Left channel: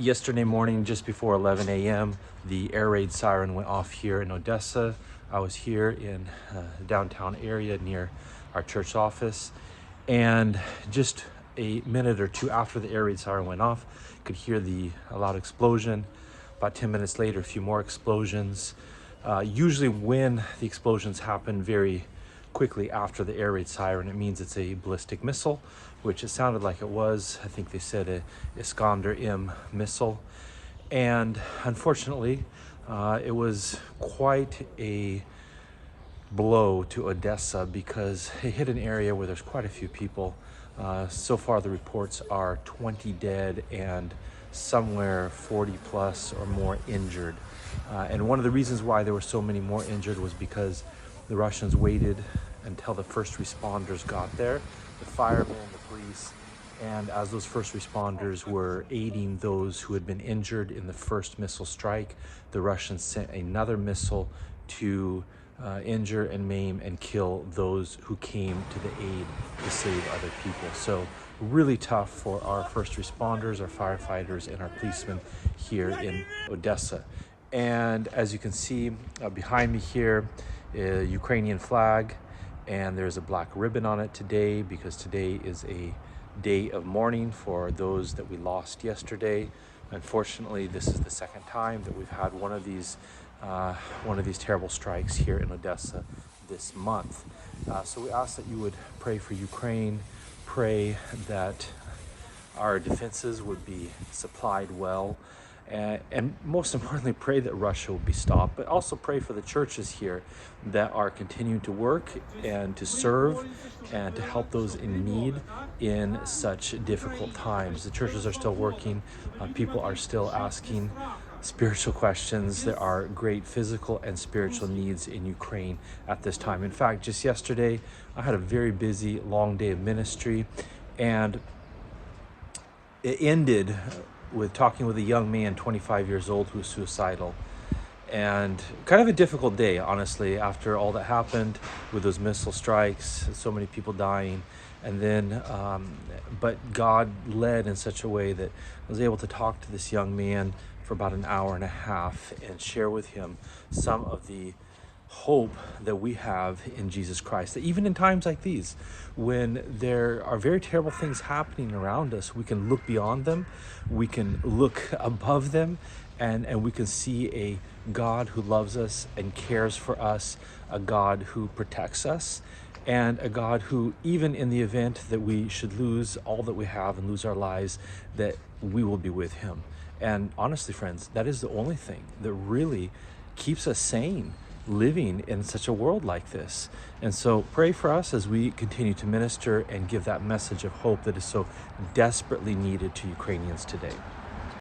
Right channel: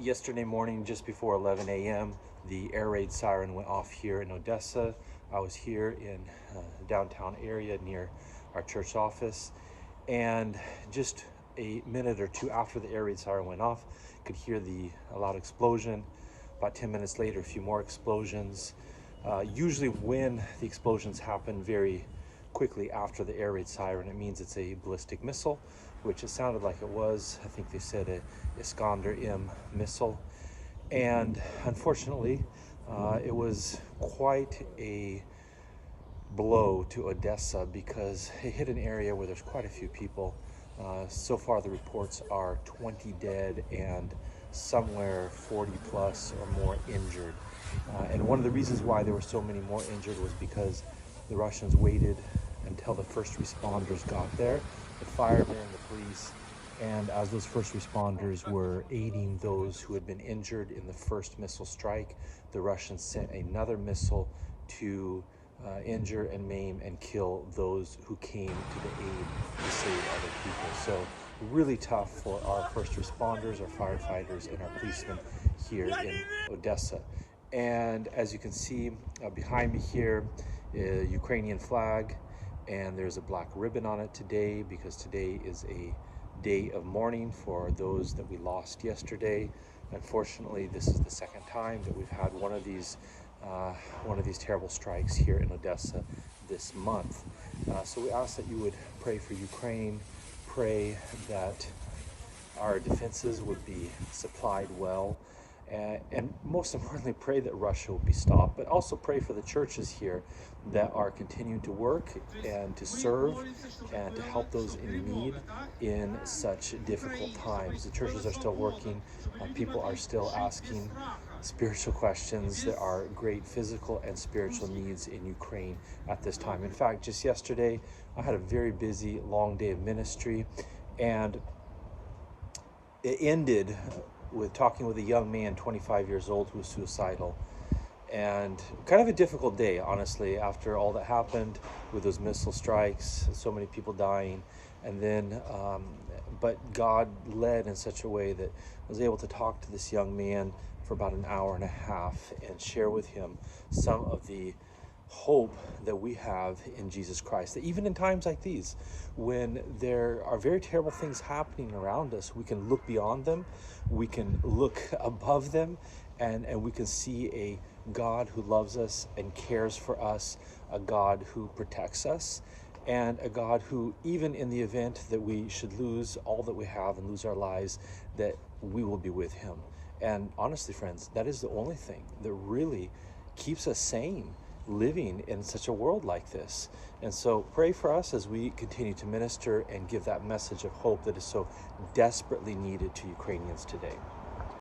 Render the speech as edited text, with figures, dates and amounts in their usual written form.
Yesterday morning, just before 11 a.m., the air raid siren went off here in Odessa. I was here in downtown area near our church office, and just a minute or two after the air raid siren went off, could hear a loud explosion. About 10 minutes later, a few more explosions. Usually when the explosions happen very quickly after the air raid siren, it means it's a ballistic missile, which it sounded like it was. I think they said a Iskander-M missile. And unfortunately, it was quite a blow to Odessa because it hit an area where there's quite a few people. So far the reports are 20 dead and somewhere 40 plus or more injured. And one of the reasons why there were so many more injured was because the Russians waited until the first responders got there, the firemen, the police, and as those first responders were aiding those who had been injured in the first missile strike, the Russians sent another missile to injure and maim and kill those who came to the aid to save other people. So really tough for our first responders, our firefighters, and our policemen here in Odessa. And as you can see behind me here, a Ukrainian flag, and there's a black ribbon on it today because today is a day of mourning for those that we lost yesterday. Unfortunately, this is the second time that we've had one of these terrible strikes here in Odessa this month. So we ask that you would pray for Ukraine, pray that our defenses would be supplied well, and most importantly, pray that Russia will be stopped, but also pray for the churches here that are continuing to work and to serve and to help those in need in such difficult times. The churches are still working, people are still asking spiritual questions. There are great physical and spiritual needs in Ukraine at this time. In fact, just yesterday, I had a very busy, long day of ministry, and it ended with talking with a young man, 25 years old, who was suicidal. And kind of a difficult day, honestly, after all that happened with those missile strikes, so many people dying. And then, but God led in such a way that I was able to talk to this young man for about an hour and a half and share with him some of the hope that we have in Jesus Christ, that even in times like these, when there are very terrible things happening around us, we can look beyond them, we can look above them, and we can see a God who loves us and cares for us, a God who protects us, and a God who, even in the event that we should lose all that we have and lose our lives, that we will be with him. And honestly, friends, that is the only thing that really keeps us sane, living in such a world like this. And so pray for us as we continue to minister and give that message of hope that is so desperately needed to Ukrainians today.